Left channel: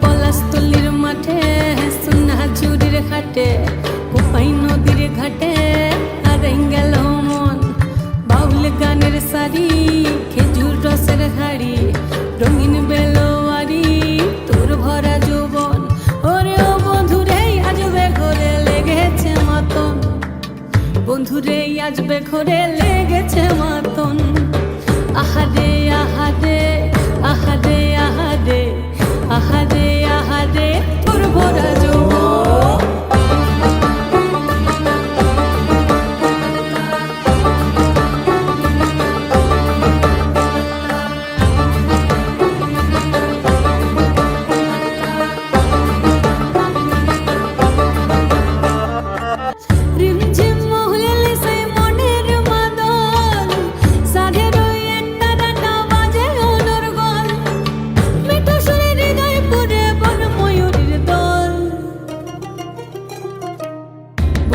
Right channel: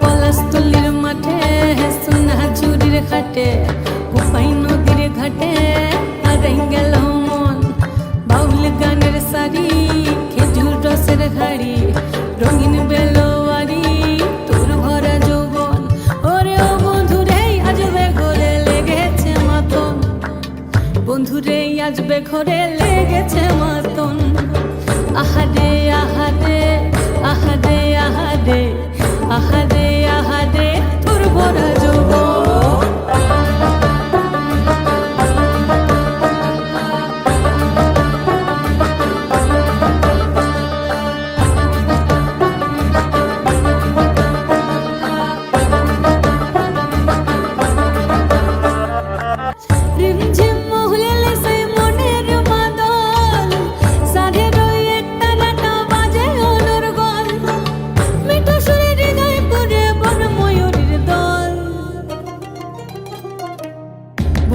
পলাশতলির মাঠে সোনা চুরির খাটে কোপাই নদীর ঘাটে আর গেল মন। বাউল গানের শাড়ি খেজুর রসের হাড়ি রঙিন বেলোয়ারি, তোর ভরা যৌবন। ওরে ও বন্ধুরে আজবে ঘরে লেগেছে মাতন। বন্ধুরে আজবে ঘরে লেগেছে মাতন। আহারে আহারে আহারে আহারে আহারে আহারে তোর ভরা যৌবন।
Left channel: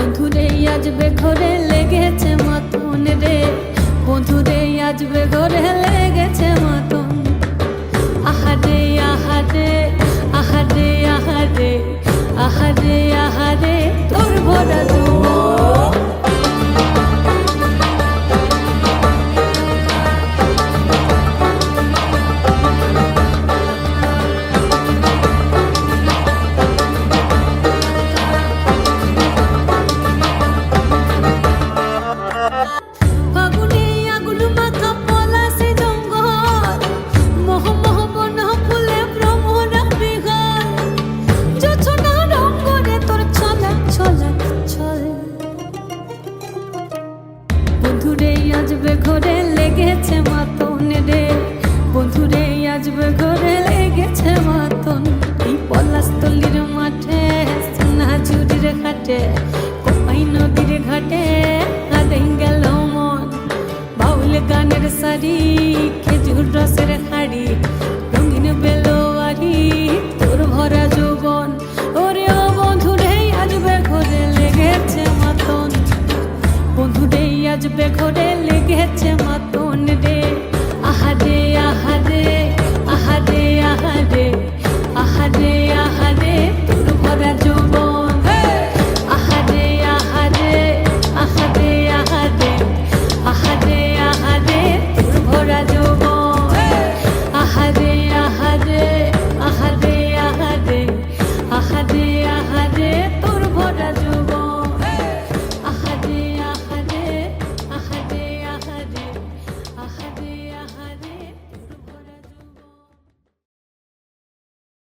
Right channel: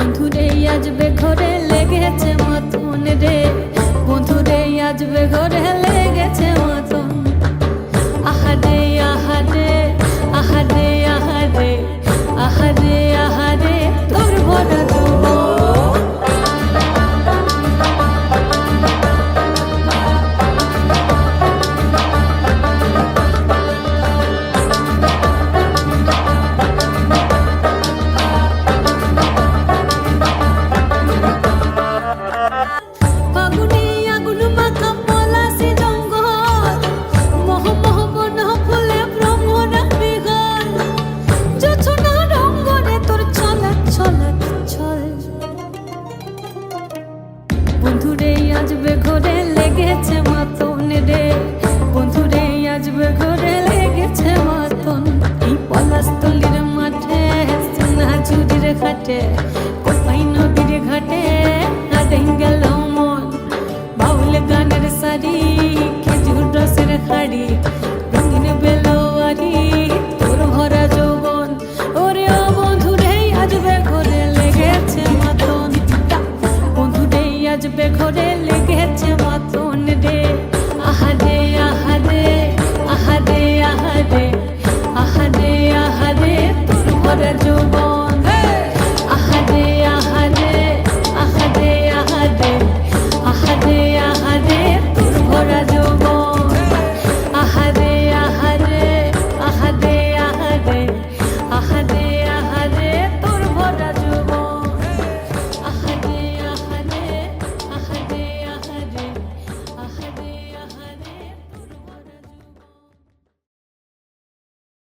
বন্ধুরে আজবে ঘরে লেগেছে মতন রে। বন্ধুরে আজবে ঘরে লেগেছে মতন। আহারে আহারে আহারে আহারে আহারে আহারে, তোর ভরা যৌবন ফাগুনে জঙ্গল। মহ মহ বন ফুলে ভ্রমরা রঙ্গনে তোর ছলাক ছলাক ছল। বন্ধুরে আজবে ঘরে লেগেছে মাতন রে। বন্ধুরে আজবে ঘরে লেগেছে মাতন। এই পলাশতলির মাঠে, সোনা ঝুড়ির ঘাটে, কোপাই নদীর ঘাটে আদেন গেল বাউল গানের শাড়ি খেজুর রসের হাড়ি, রঙিন বেলোয়ারি, তোর ভরা যৌবন। ওরে ও বন্ধুরে আজবে ঘরে লেগেছে মাতন। বন্ধুরে আজবে ঘরে লেগেছে মাতন রে। আহারে আহারে আহারে আহারে আহারে আহারে তোর ভরা যৌবন।